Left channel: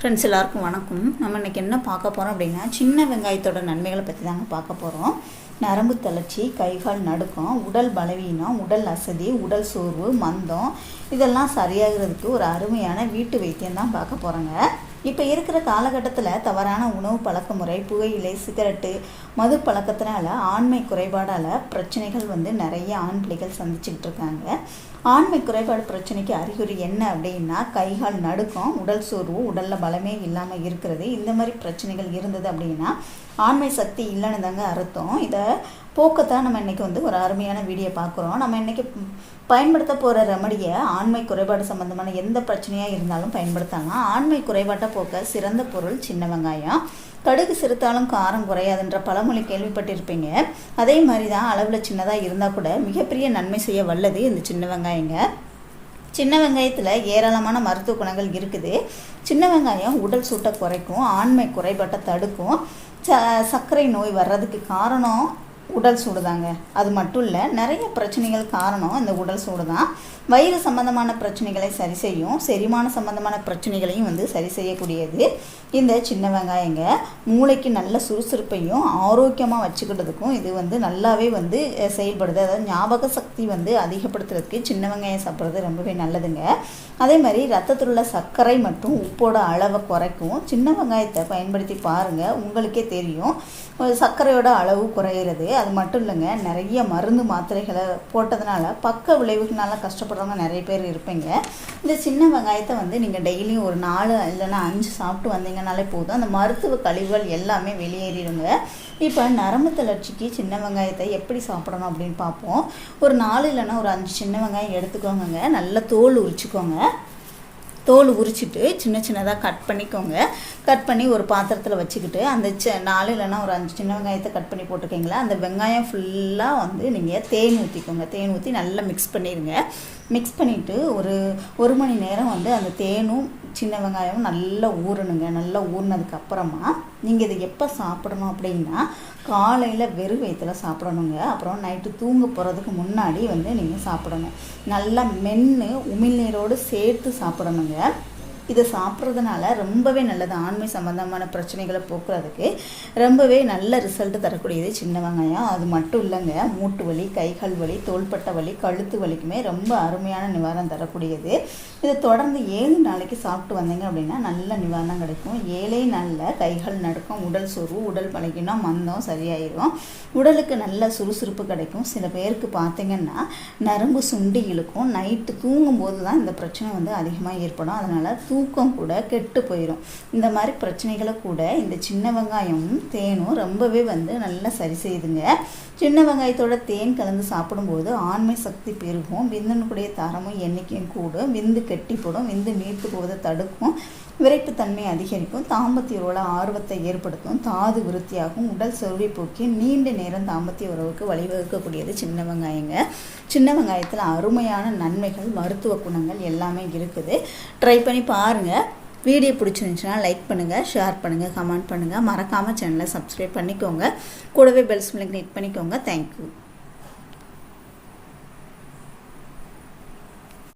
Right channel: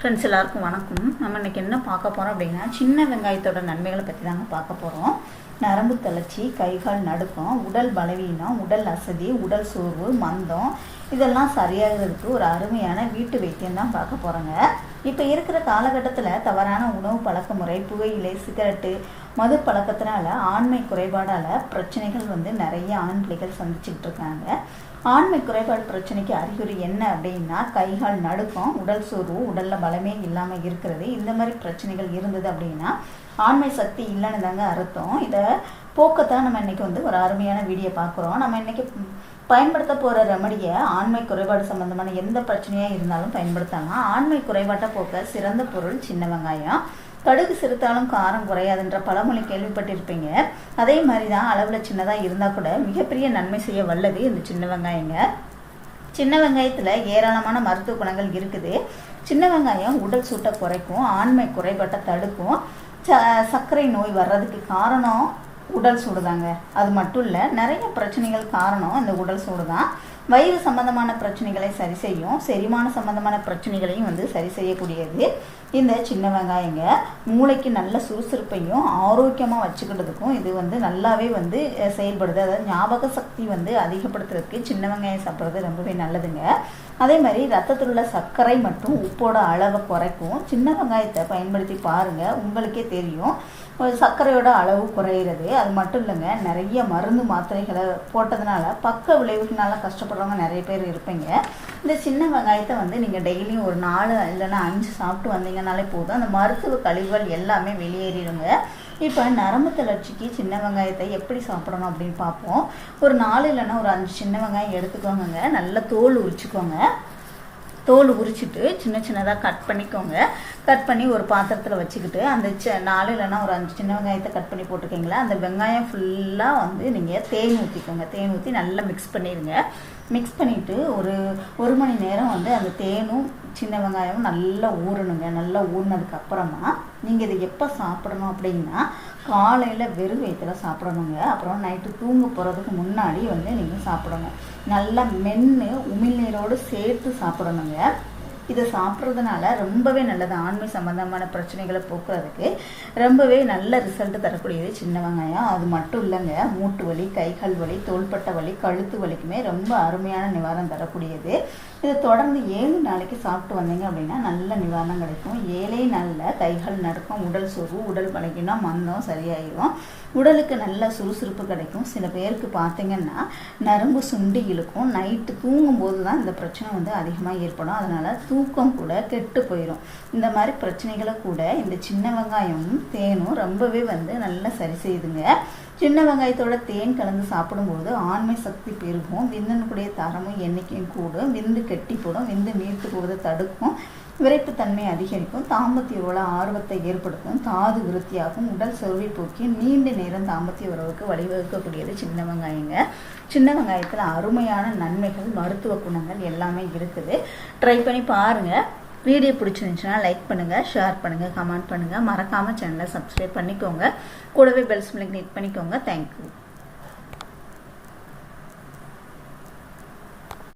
Friends எல்லாருக்கும் வணக்கம். நம்ம இன்னைக்கு என்ன பார்க்க போகிறோம் அப்படின்னா சின்ன வெங்காயத்தோட நன்மைகளை பற்றி தாங்க பார்க்க போகிறோம் நரம்பு தளர்ச்சி கைகால் நடுக்கம் உடல் பலவீனம் உடல் அசதி உடல் சோர்வு மந்தம் இதெல்லாம் சரியாகிறதுக்கு ஒரு அருமையான வீட்டு வைத்தியம் தான் பார்க்க போகிறோங்க இப்போ இருக்கிற காலகட்டத்தில் தவறான உணவு பழக்க முறை புகையிலை சிகரெட்டு மது பழக்கத்தினால ஆண்மை குறைபாடால் பிரச்சனைகள் வந்து நிறைய ஆண் பிள்ளைகள் சந்திச்சுக்கிட்டு இருக்காங்க. ஆண்மை குறைபாடு பிரச்சனைக்கு அறிகுறி என்ன அப்படின்னா கைகால் நடுக்கம் உடல் சோர்வு உடலில் பலமே இல்லாமல் இருக்கிறது. இந்த மாதிரி பிரச்சனைகள் இருந்தது அப்படின்னா ஆண்மை சக்தி இல்லைன்னு தாங்க அர்த்தம். இதை போக்கத்தான் நம்ம இன்னைக்கு வந்து ஒரு அருமையான வீடியோ பார்க்குறோம். நம்ம இன்னைக்கு பயன்படுத்த போகிற ரெமடியை ஆண்மை குறைபாடு சம்மந்தமான எந்த பிரச்சனையாக இருந்தாலும் பயன்படுத்தலாம். ஆண்மை குறைபாட்டை போக்க சிறந்த பொருள் சின்ன வெங்காயம். கடுகு சிறுத்தாலும் காரம் குறையாதுன்ற பழமொழி கேள்விப்பட்டிருப்பீங்க. அதே மாதிரி தான் அளவில் சின்னதாக இருந்தால் கூட மிகப்பெரிய நன்மை செய்ய வல்லது இந்த சின்ன வெங்காயங்க. சின்ன வெங்காயத்தில் ஏராளமான மருத்துவ குணங்கள் இருக்குது. சின்ன வெங்காயம் உடல் சூட்டை குறைக்கும் ஆண்மை குறைபாட்டை தடுக்கும். ச சர்க்கரை நோய் வர்றதுக்கு காரணம் உடல் சூடு தாங்க அது மட்டும் இல்லை நிறைய பிரச்சனைகள் காரணம் இந்த உடல் சூடு தான் வயிறு சம்பந்தமான பிரச்சனைகளை சரி செய்யும் செரிமான சம்பந்தமான பிரச்சனைகளையும் வந்து சரி செய்யக்கூடியது. இந்த சின்ன வெங்காயங்க மூளைக்கு நல்ல சுறுசுறுப்பையும் ஆரோக்கியமாக வச்சுக்கிட்டதுக்கும் இது வந்து நல்லாவே வந்து செயல்படுது. அதாவது ஞாபக சக்தி வந்து அதிகப்படுத்துறதுக்கு சின்ன வெங்காயம் சாப்பிட்றது ரொம்பவே நல்லதுங்க. அதே மாதிரி ரத்தத்தில் உள்ள சர்க்கரை மற்றும் உப்போட அளவை குறைக்கும். சின்ன வெங்காயத்தை பயன்படுத்தி பாருங்கள் உங்களுக்கே தெரியும். சர்க்கரையோட அளவு குறையிறது. அது மட்டும் இல்லைங்க நிறைய மருந்து மாத்திரைகளை போட்டதுனால பக்க விளைவுக்குனால கஷ்டப்படுறவங்க நிறைய பேர் இருப்பீங்க. இந்த சின்ன வெங்காயத்தை வந்து நீங்கள் டெய்லியும் ஒரு நாலு இல்லைன்னா அஞ்சு சாப்பிட்டு வந்தீங்கனாலே போதும். அந்த மருத்துவ கழிவுகள் எல்லாமே வெளியேறிடுங்க. இப்போ நரம்பு தளர்ச்சிக்கு சின்ன வெங்காயத்தை எப்படி சாப்பிடணும் அப்படின்னு பார்ப்போம். ஒரு நாலு இல்லைன்னா ஒரு அஞ்சு சின்ன வெங்காயம் எடுத்துக்கோங்க நல்ல தோல் உரிச்சுக்கோங்க. தோல் உரிச்சிட்டு சின்ன சின்னதாக கட் பண்ணிக்கோங்க. கட் பண்ணி ஒரு பாத்திரத்தில் வச்சுக்கிட்டு அந்த ச நாலு இல்லைன்னா ஒரு அஞ்சு சின்ன வெங்காயத்தை கட் பண்ணி போட்டுக்கிங்களா? அந்த வெங்காயம் ஃபுல்லாக வந்து நீங்கள் தேன் ஊற்றிக்கோங்க தேன் ஊற்றி நல்லா மிக்ஸ் பண்ணிடுங்க மிக்ஸ் பண்ணிவிட்டு ஒரு ஒரு மணி நேரம் வந்து அந்த தேனும் சின்ன வெங்காயமும் நல்லா ஊறணுங்க. நல்லா ஊறினதுக்கு அப்புறமா நீங்கள் இதை எப்போ சாப்பிடணும் அப்படின்னா காலையில் வெறும் வயிற்றுல சாப்பிடணுங்க. அப்புறம் நைட்டு தூங்க போகிறதுக்கு முன்னாடி வந்து நீங்கள் சாப்பிடணும். நல்லா மென்று உமிழ்நீரோடு சேர்த்து சாப்பிடணுங்க. இதை சாப்பிட்றதுனால ரொம்பவே நல்லது. ஆண்மை சம்பந்தமான பிரச்சனைகளை போக்குறதுக்கு ரொம்பவே நல்ல ரிசல்ட் தரக்கூடியது சின்ன வெங்காயம். அது மட்டும் இல்லைங்க மூட்டு வலி கைகால் வலி தோள்பட்ட வலி கழுத்து வலிக்குமே ரொம்ப அருமையான நிவாரணம் தரக்கூடியது. இதை தொடர்ந்து ஏழு நாளைக்கு சாப்பிட்டு வந்தீங்க அப்படின்னா நல்ல நிவாரணம் கிடைக்கும். ஏழே நாளில் கைகள் நடக்கும் உடல் சோர்வு உடல் பழகினா மந்தம் சரியாயிடும் உடலுக்கு நல்ல சுறுசுறுப்பு கிடைக்கும். சில பேருக்கு பார்த்தீங்கன்னா நரம்பு சுண்டி இழுக்கும். நைட்டு தூங்கும் போது தான் இந்த பிரச்சனை வந்து அதிகமாக ஏற்படும். அதனால் தூக்கம் கூட கெட்டு போயிடும் இந்த மாதிரி பிரச்சனைகளை கூட இந்த சின்ன வெங்காயமும் தேனும் ரொம்பவே வந்து நல்லா சரி செய்யுதுங்க. சின்ன வெங்காயத்தோட தேன் கலந்து சாப்பிடும்போது ஆண்மை சக்தி பெருகும். விந்தனுக்குடைய தரமும் எண்ணிக்கையும் கூடும். விந்து கெட்டி போடும் விந்து நீட்டு போவதை தடுக்கும். விரைப்புத்தன்மை அதிகரிக்கும் தாம்பத்திய உறவுல ஆர்வத்தை ஏற்படுத்தும் தாது விருத்தியாகும் உடல் செல்வி போக்கி நீண்ட நேரம் தாம்பத்திய உறவுக்கு வழிவகுக்கக்கூடியது சின்ன வெங்காயங்க. சின்ன வெங்காயத்தில் அருமையான நன்மைகள் மருத்துவ குணங்கள் எல்லாமே இருக்குது. ட்ரை பண்ணி பாருங்கள் வீடியோ பிடிச்சிருந்துச்சுன்னா லைக் பண்ணுங்கள் ஷேர் பண்ணுங்கள் கமெண்ட் பண்ணுங்கள் மறக்காமல் சேனலை சப்ஸ்கிரைப் பண்ணிக்கோங்க. கூடவே பெல்ஸ் மில்க் கிளிக் பண்ணிக்கோங்க. Thank you